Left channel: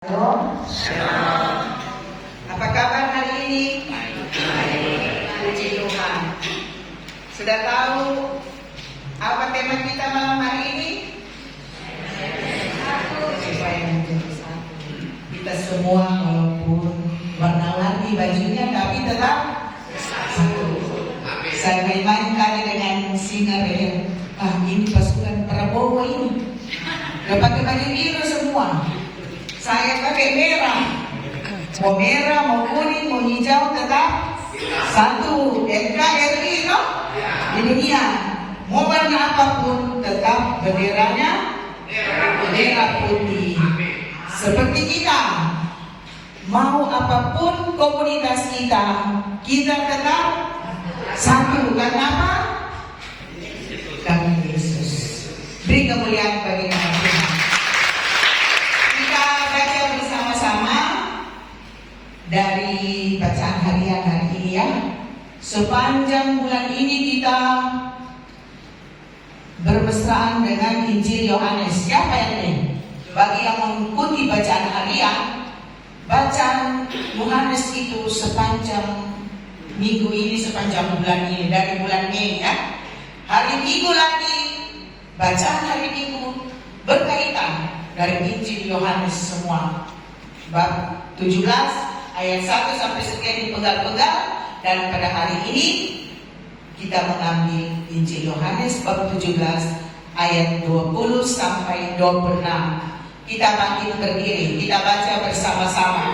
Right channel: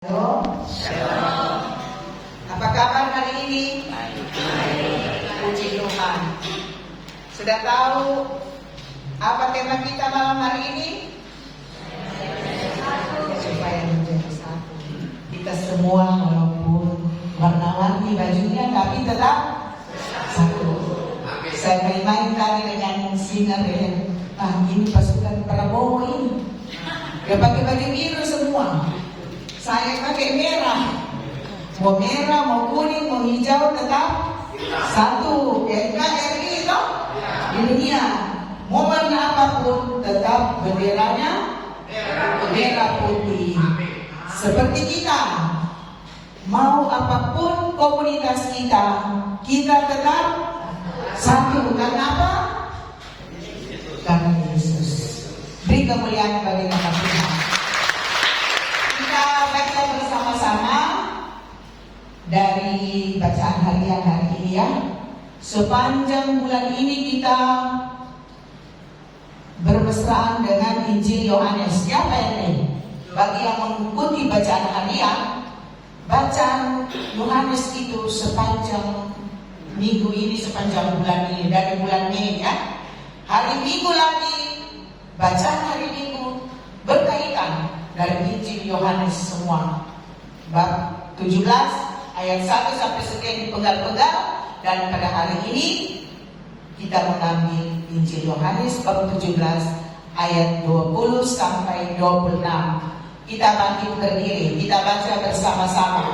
Shalom. Apa kabar hari ini? Baik. Puji Tuhan. Sudah tahu apa tema kita malam hari ini? Supaya menjadi satu. Kita semua walaupun warna-warni bajunya tapi tetap satu. Saya main tadi dengan singer yang ini pasukan Prabowo ini. Udah pakai baju biru semua. Saya pakai merah, mau merah, mau kuning, mau hijau, tetap satu. NKRI no? Di dunia, mau warna apapun, tetap benderanya merah putih. Seperti kita, mau apapun komunitas kita tetap satu. Karena apa? Kami Yesus. Beri kemuliaan bagi nama Tuhan. Kita baca bersama-sama dari bacaan harian hari ini ya. Sepanjang bulan ini kita bermesraan dengan Injil Yohanes. Siapa yang bagi yang mengikuti bacaan harian, bacaan Yohanes itu sepanjang minggu ini, sepanjang bulan ini, dari bulan Mei ya. Hari Minggu lagi, bacaan hari Minggu berkaitan dari Injil Yohanes semua. Bab 17 ayat 1 sampai sekian dipenggal-penggal. Dan pada hari ini kita mengambil Injil Yohanes bab 17 ayat 20 sampai 26. Kita bangkit berdiri, kita baca bersama-sama.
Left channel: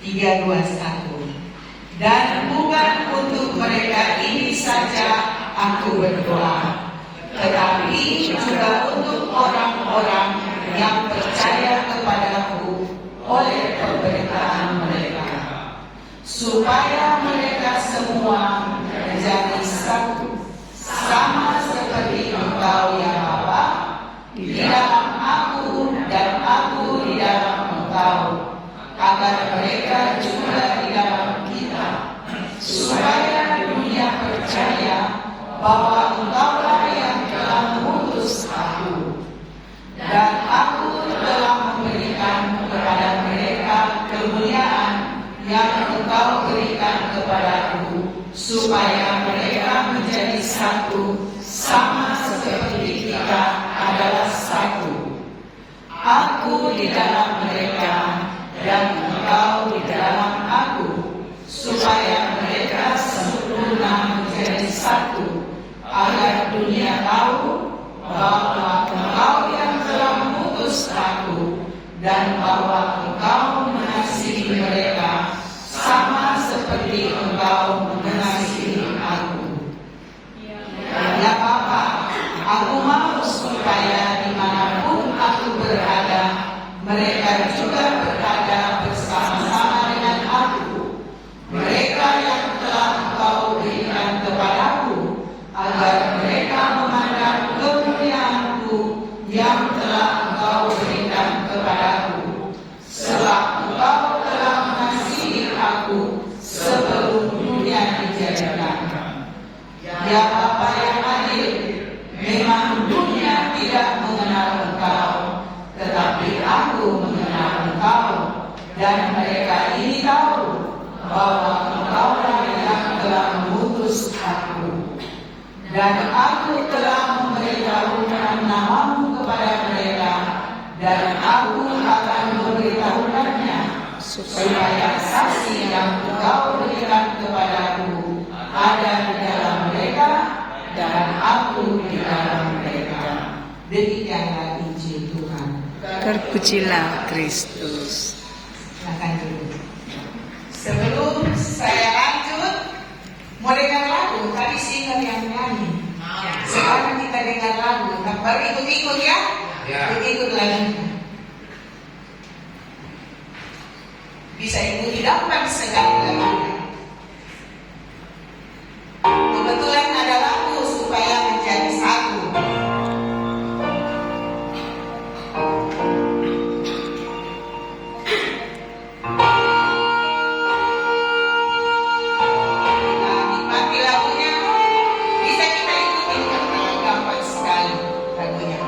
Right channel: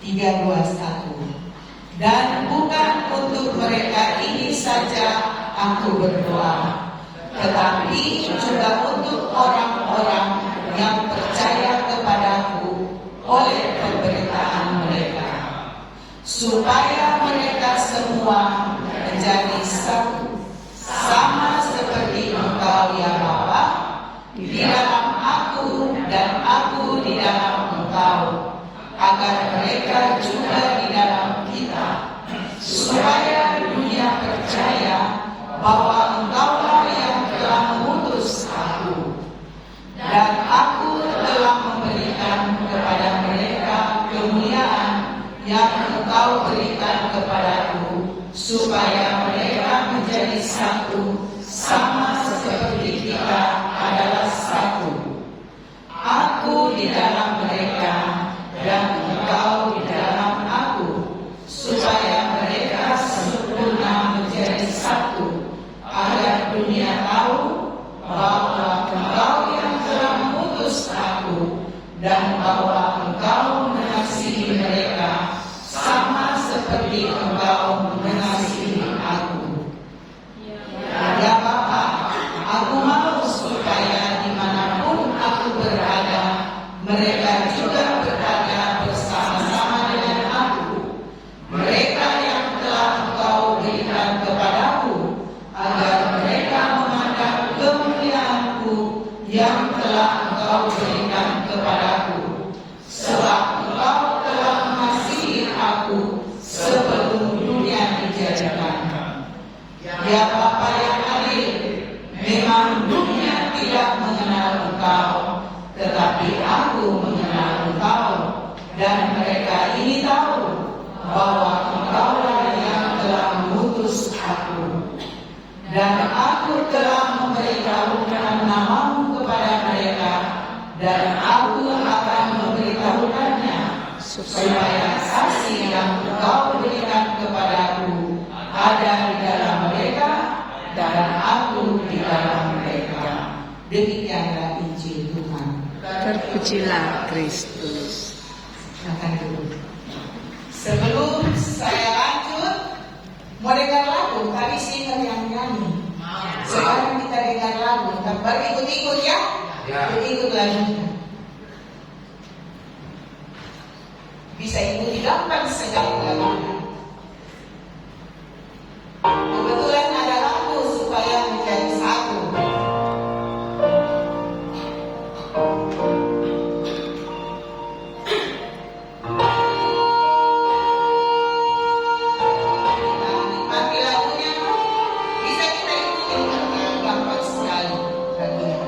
3, 2, 1. Dan bukan untuk mereka ini saja aku berdoa, tetapi juga untuk orang-orang yang percaya kepadaku oleh pemberitaan mereka, supaya mereka semua menjadi satu, sama seperti Engkau ya Bapa, di dalam aku dan aku di dalam Engkau, agar mereka juga di dalam kita, supaya dunia percaya bahwa Engkaulah yang telah mengutus aku, dan aku telah memberikan kepada mereka kemuliaan yang Engkau berikan kepadaku, supaya mereka menjadi satu, sama seperti kita adalah satu. Aku di dalam mereka dan Engkau di dalam aku, supaya mereka sempurna menjadi satu, agar dunia tahu bahwa Engkau yang telah mengutus aku, dan bahwa Engkau mengasihi mereka sama seperti Engkau mengasihi aku. Ya Bapa, aku mau supaya dimanapun aku berada, mereka juga berada bersama-sama dengan aku. Mereka yang telah Engkau berikan kepadaku, agar mereka memandang kemuliaanku yang telah Engkau berikan kepadaku, sebab Engkau telah mengasihi aku sebelum dunia dijadikan. Ya Bapa yang adil, memang dunia tidak mengenal Engkau, tetapi aku mengenal Engkau, dan mereka ini tahu bahwa Engkaulah yang telah mengutus aku. Dan aku telah memberitahukan namamu kepada mereka, dan aku akan memberitahukannya, supaya kasih yang Engkau berikan kepadaku ada di dalam mereka, dan aku di dalam mereka. Demikianlah Injil Tuhan. Terpujilah Kristus. Silakan dulu. Sebelum saya lanjut, mau dengar lagu, tadi singer yang nyanyi. Sekarang kita dengar lagu, baru ikut-ikut ya? Ikut lagi. Bisa ikuti dapat segala lagu. Kebetulan ada lagu supaya menjadi satu. Nikmati lagunya, bisa kita ikuti karena gampang sekali lagunya.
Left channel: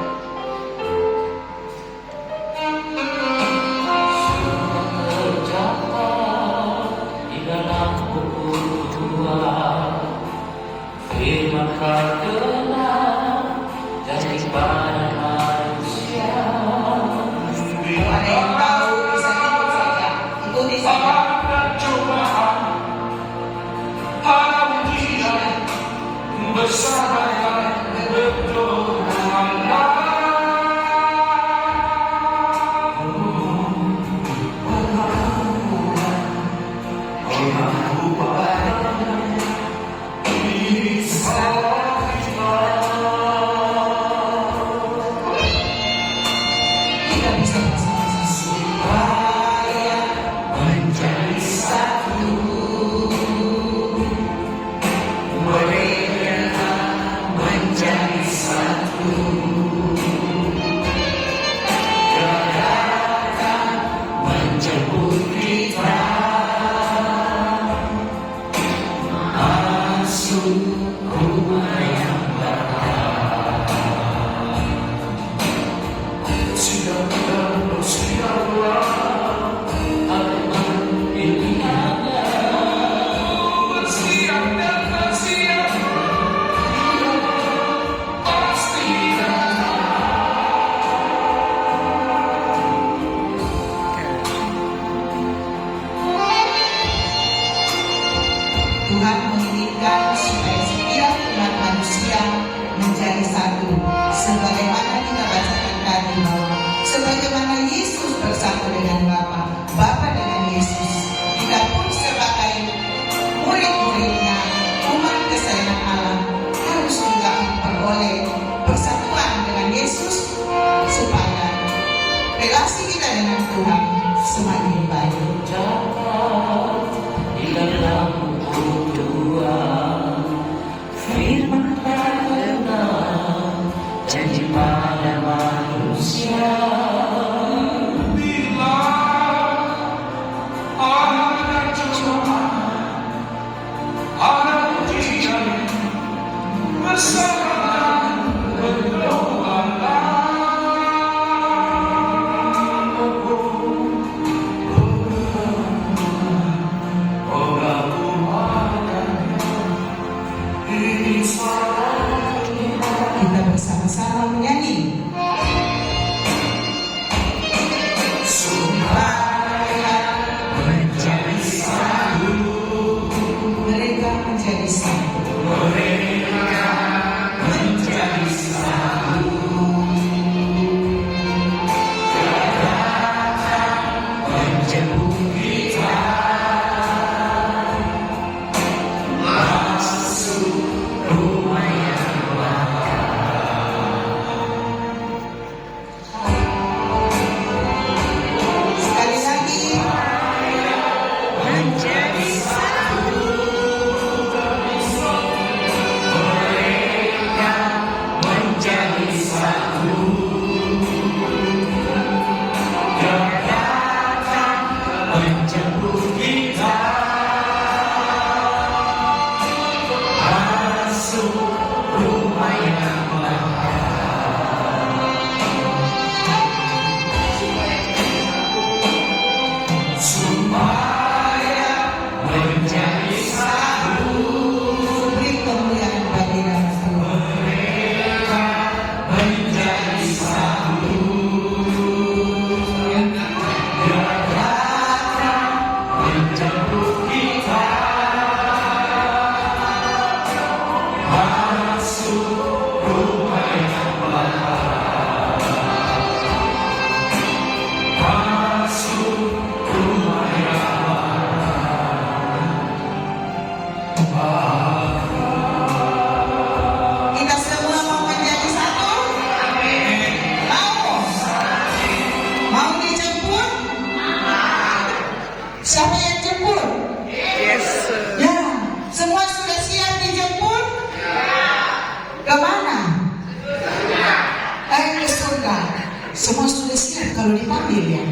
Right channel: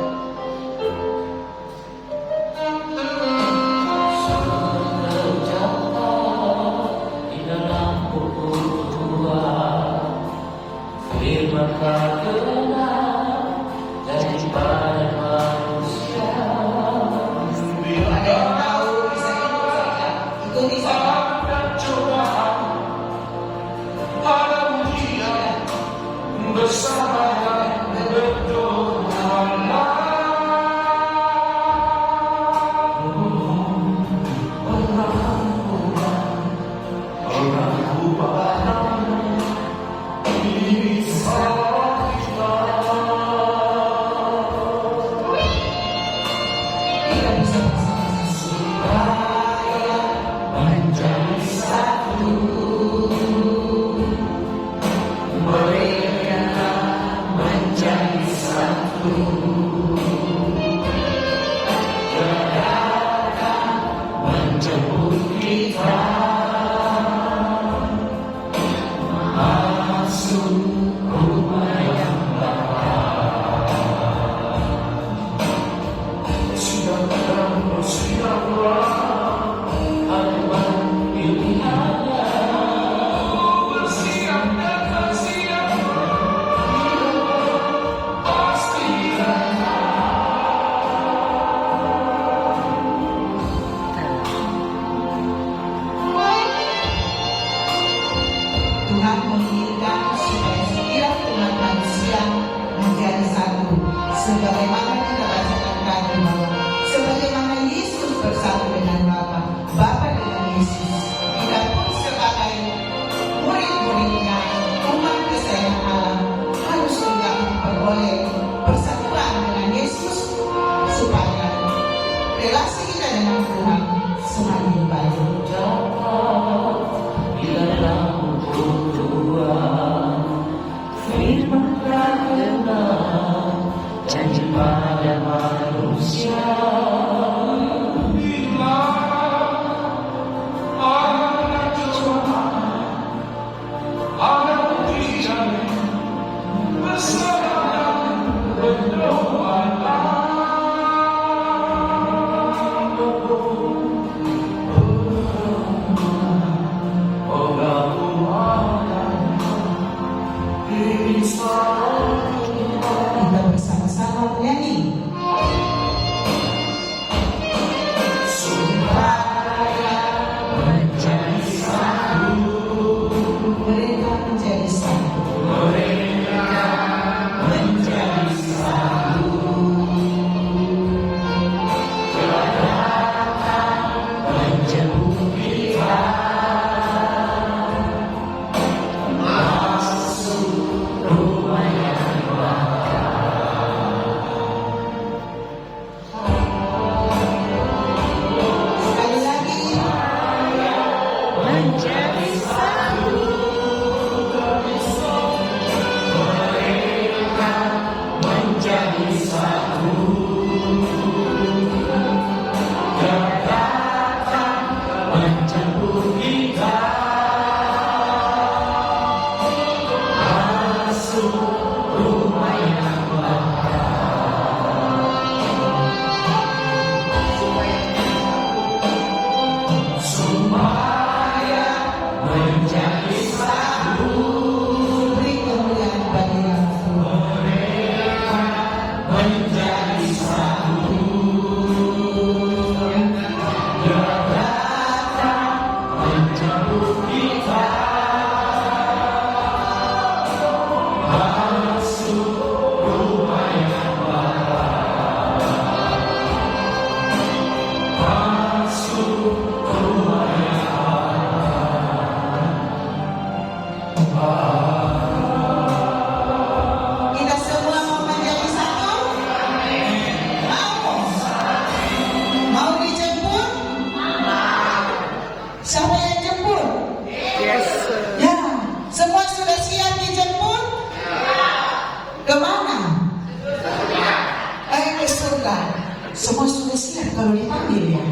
Semua sudah siap kalau dipanggil ya?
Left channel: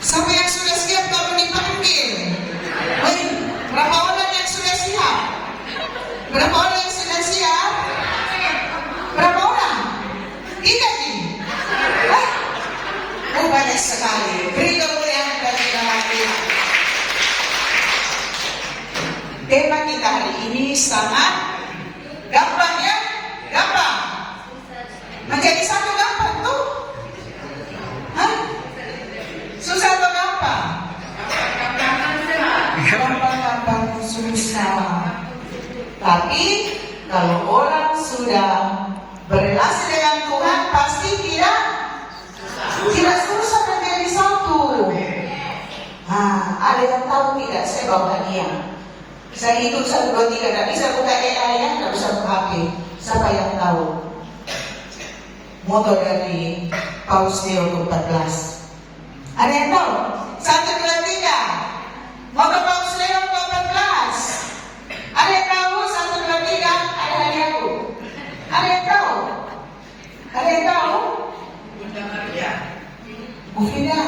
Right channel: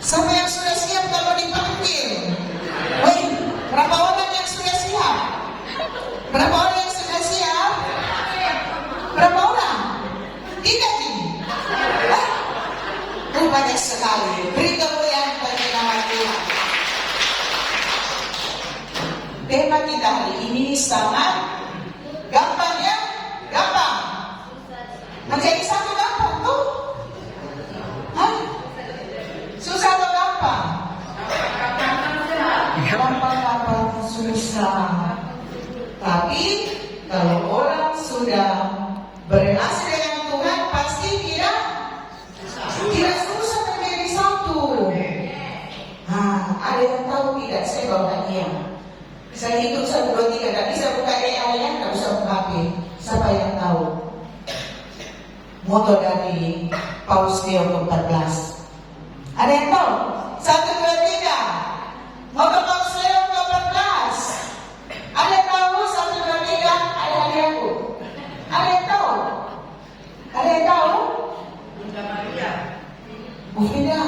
Siapa yang sudah siap kalau dipanggil? Hei, berapa orang yang sudah siap? Berapa orang yang sudah siap? Berapa orang? Kita ini. Banyak sekali. Beri kemuliaan bagi nama Tuhan. Tema kita hari ini sangat gampang ya? Gampang. Menjadi satu gampang tuh? Hah? Susah atau gampang? Gampang, susah. Tapi kalau orang sudah berrelasi dengan Tuhan pasti tidak susah menjadi satu. Nah, ada yang tahu tidak? Saya bawa dia. Saya hitung 1, 2, 3. Tidak bisa buka AI ya, tidak bisa buka HP. Siapa yang tahu? Moto dari Paus Leo ke-14. Ada yang tahu? 1, 2, 3. Moto Paus Leo ke-14. Ada yang tahu? 1, 2, 3. Ada hadiahku. Ada yang tahu? Ada yang tahu? Bunda Maria. Bu Frida.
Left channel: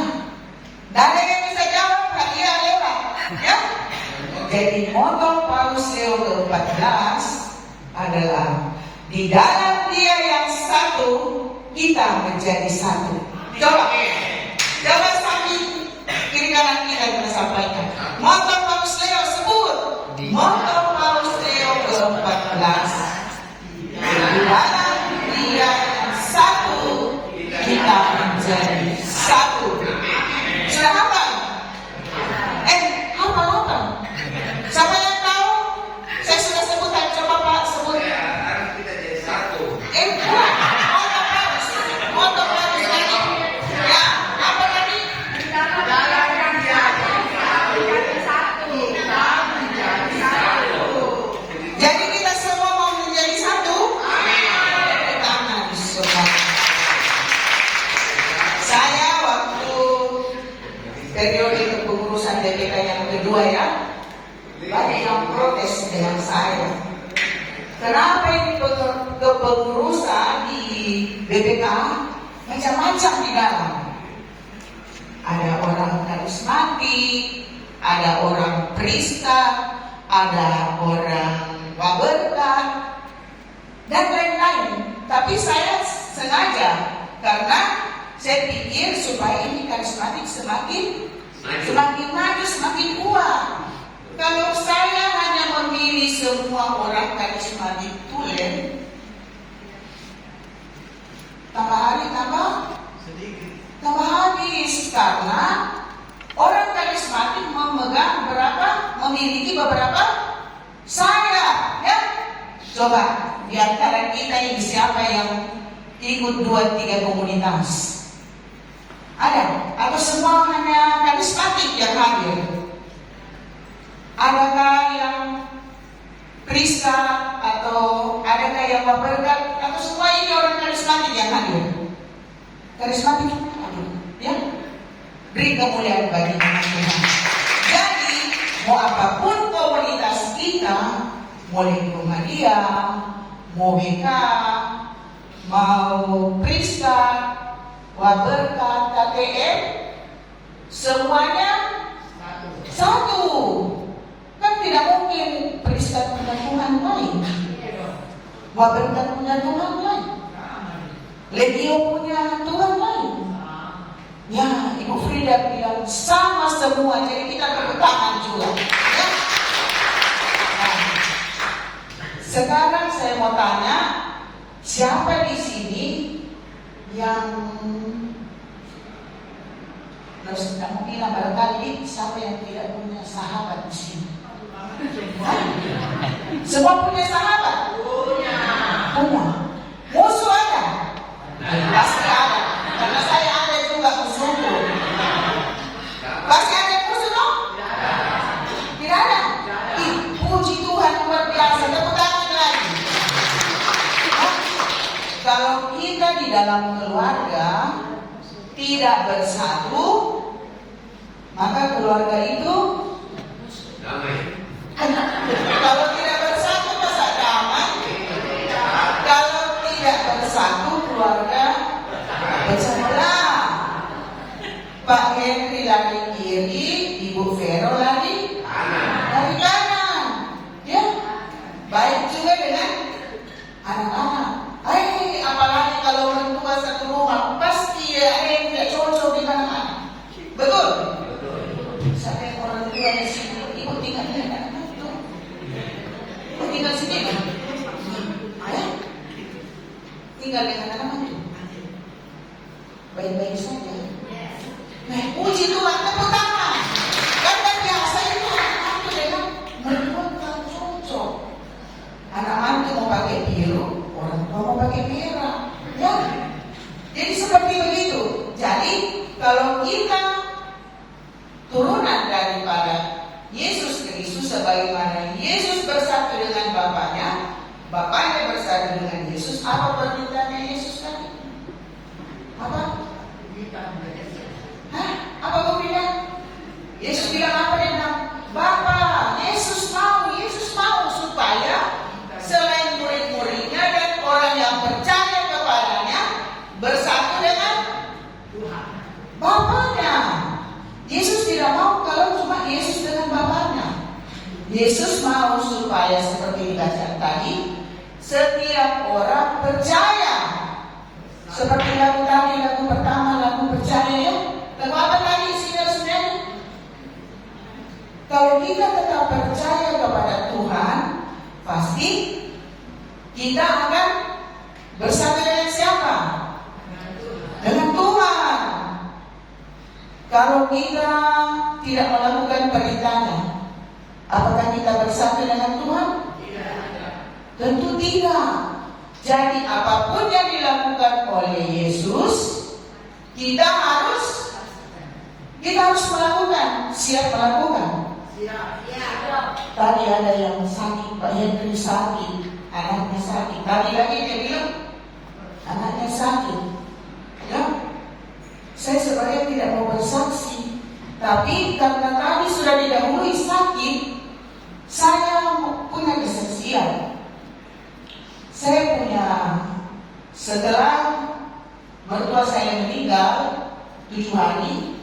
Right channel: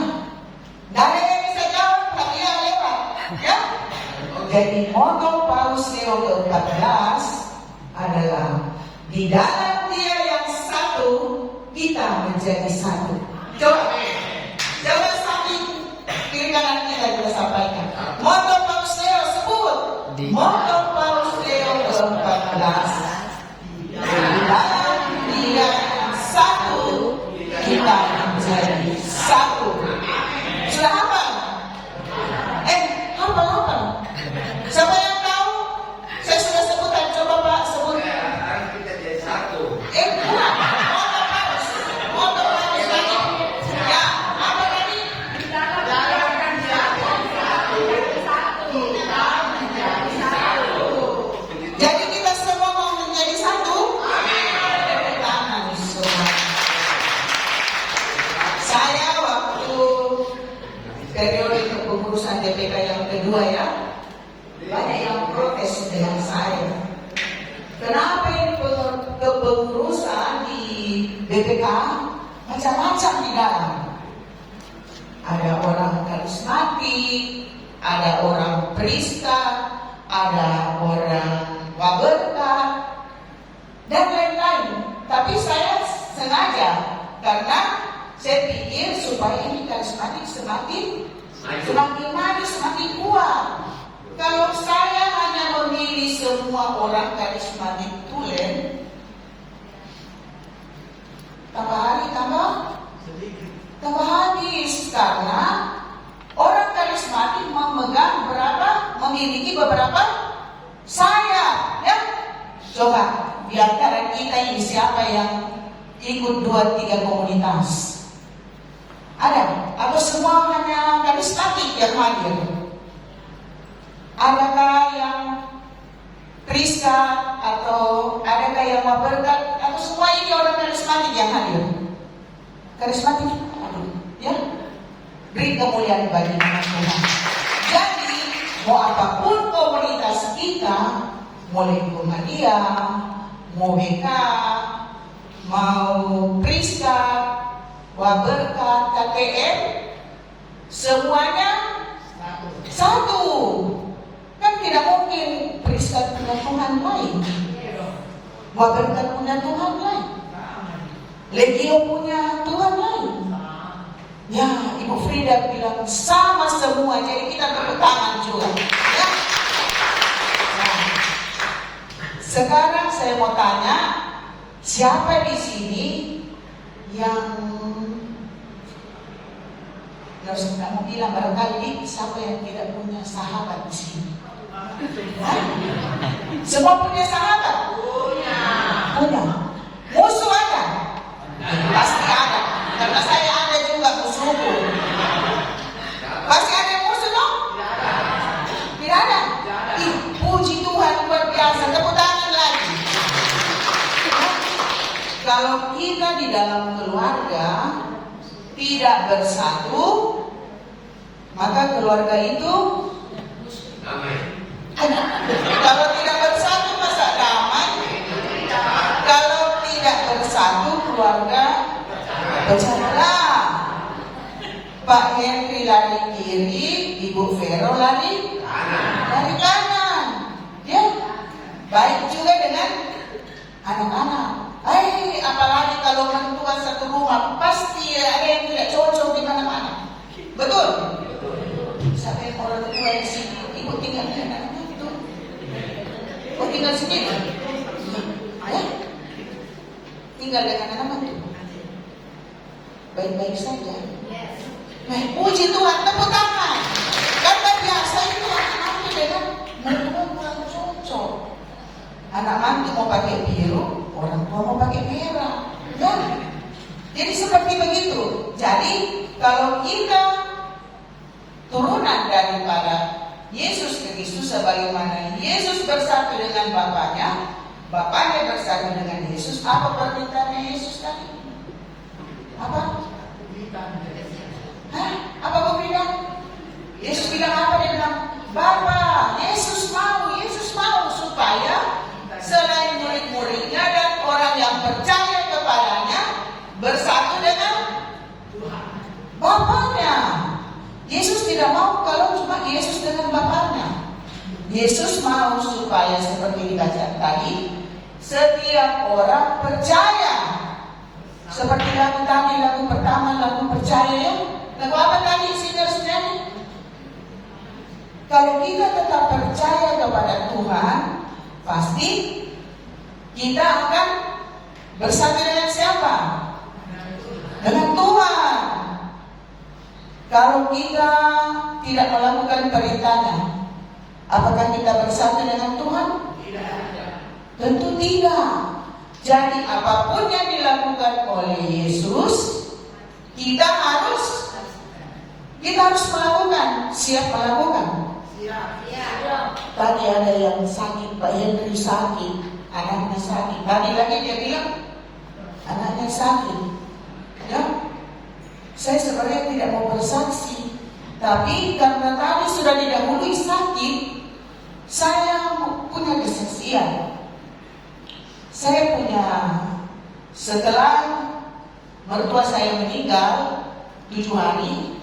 Dan yang bisa jawab, hadiah lewat. Ya? Jadi moto Paus Leo ke-14 adalah di dalam Dia yang satu, kita menjadi satu. Coba sambil kiri kanan kita sampaikan. Moto Paus Leo sebut. Moto Paus Leo ke-14. Di dalam Dia yang satu, kita menjadi satu. Sudah hafal? Hafal. Siapa yang tahu? Saya sudah sebutkan. Coba Pak sebut. Bukan. Moto Paus tadi. Ya, apa tadi? Jadi kita semua mau menjadi satu? Tangan semua. Saya waktu periode kepengurusan BPK yang kedua ya, banyak yang protes dengan saya. Kenapa ini kepengurusan di BPK macam-macam di dalam? Ada orang karismatik, ada orang Prista, ada orang Waberkat, dan lain-lain. Tapi saya sengaja karena saya pikir supaya ini karismatik semakin maju, semakin kuat. Kalau saya hanya memilih semua orang karismatik tulen, tambah hari tambah habis karena orang karismatik memiliki beberapa sayap, ya. Coba di antara kita ini siapa yang ikut 2-3 komunitas? Ada? Atau semua hanya karismatik yang hadir? Adakah yang Prista atau adakah yang Waberkat atau semua ini orang karismatik yang hadir? Karismatik hadir, ya? Beri kemuliaan bagi nama Tuhan. Jadi mau apapun komunitas kita, boleh Muhammadiyah, mau BK, mau Prista, Waberkat, KTM, semuanya satu. Kan tidak mungkin Prista punya Tuhan lain, Waberkat punya Tuhan lain, Legio punya Tuhan lain. Ya, Ibu Frida bilang sama semua, jadi kita bertangan juga. Ya. Nah, sekarang saya mau tanya, siapa di sini yang harus kamu bilang barangkali siapa yang tidak punya sahabat di sini? Semua punya sahabat? Punya. Musuh ada? Pasti ada. Karena saya ada juga musuhku. Pasti ada yang musuh dong? Tidak ada? Puji Tuhan luar biasa. Tepuk tangan lagi. Kalau kita di dalam keluarga tidak bersatu, maka keluarga itu damai. Kalau tidak bersatu masa damai? Kalau tidak bersatu keluarga baca bola. Pak Henry lari kiri, Ibu Vero lari kanan. Ya, baik juga dengan anak-anak. Apalagi kalau mertua satu rumah, pasti ada yang tidak cocok dengan anak-anak. Betul? Sampai orang tua di sini, ibu tinggal dengan anak-anak itu. Ibu tinggal sendiri. Ya? Tinggal dengan anak-anak itu. Baik-baik saja. Nah, puji Tuhan, tepuk tangan. Karena biasa itu anak-anak dengan mertua cocok. Anak-anak mau pakai biru, orang tua mau pakai merah. Ya. Jadi seperti begitu. Jadi kalau kita turunan daripada Yesus Kristus, sebagaimana Yesus bersatu dengan Bapaknya, Bapaknya bersatu dengan Yesus, apa permintaan Yesus tadi? Apa? Apa kau bilang? Yesus bilang apa? Dia bilang, Bapa, Yesus mau supaya selain murid-muridnya dan orang yang percaya kepadanya bersatu dengan Bapaknya. Yesus tidak mau kalau cuma Yesus dengan Bapaknya. Yesus mau supaya seperti dibaca tadi, setiap orang percaya. Seperti lagu tadi, lagu pertama, lagu percaya ya. Lagu apa tadi saudara-saudara? Kalau kita tetap percaya kepada Tuhan, pasti kita akan bersama dengan siapa? Dengan Tuhan. Kalau kita tidak melakukan perintahnya, apakah kita bersama dengan Tuhan? Tentu tidak. Jadi apapun yang dilakukan oleh Yesus, kita harus melakukan. Siap melakukan? Tadi ada yang sakit, Pak Henry sakit, anaknya sakit. Tadi lagi dia bilang anaknya sakit. Ya, saya sebenarnya tidak mau bersaksi, tapi karena tadi sudah didahului sakit, saya punya kesaksian. Saya punya, setelah mertua saya meninggal 7 hari,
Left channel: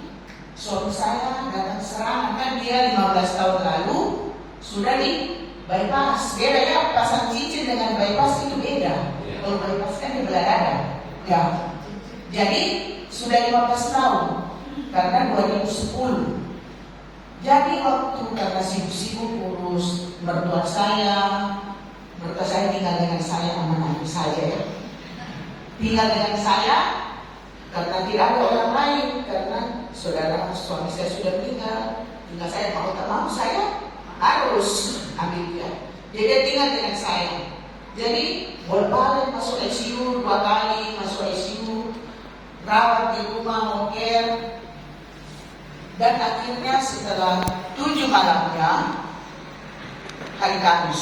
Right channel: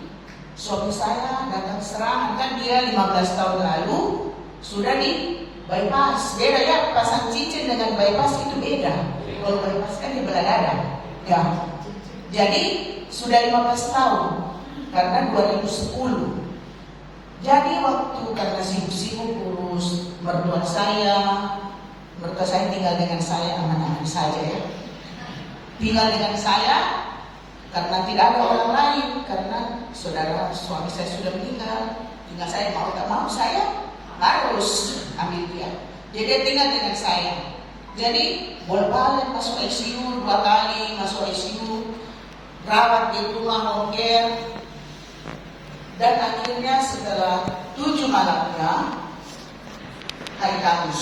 suami saya datang serangan. Kan dia 15 tahun lalu sudah di bypass. Beda ya, pasang cincin dengan bypass itu beda. Kalau bypass kan di belah dada. Ya. Jadi sudah 15 tahun karena 2010. Jadi waktu karena sibuk-sibuk urus mertua saya tinggal dengan saya, anak-anak saja ya. Tinggal dengan saya karena tidak ada orang lain, karena suami saya sudah meninggal. Tinggal saya, mau tak mau saya harus ambil dia. Jadi dia tinggal dengan saya. Jadi bolak-balik masuk ICU 2 kali, masuk ICU, rawat di rumah home care. Dan akhirnya setelah 7 malamnya, hari Kamis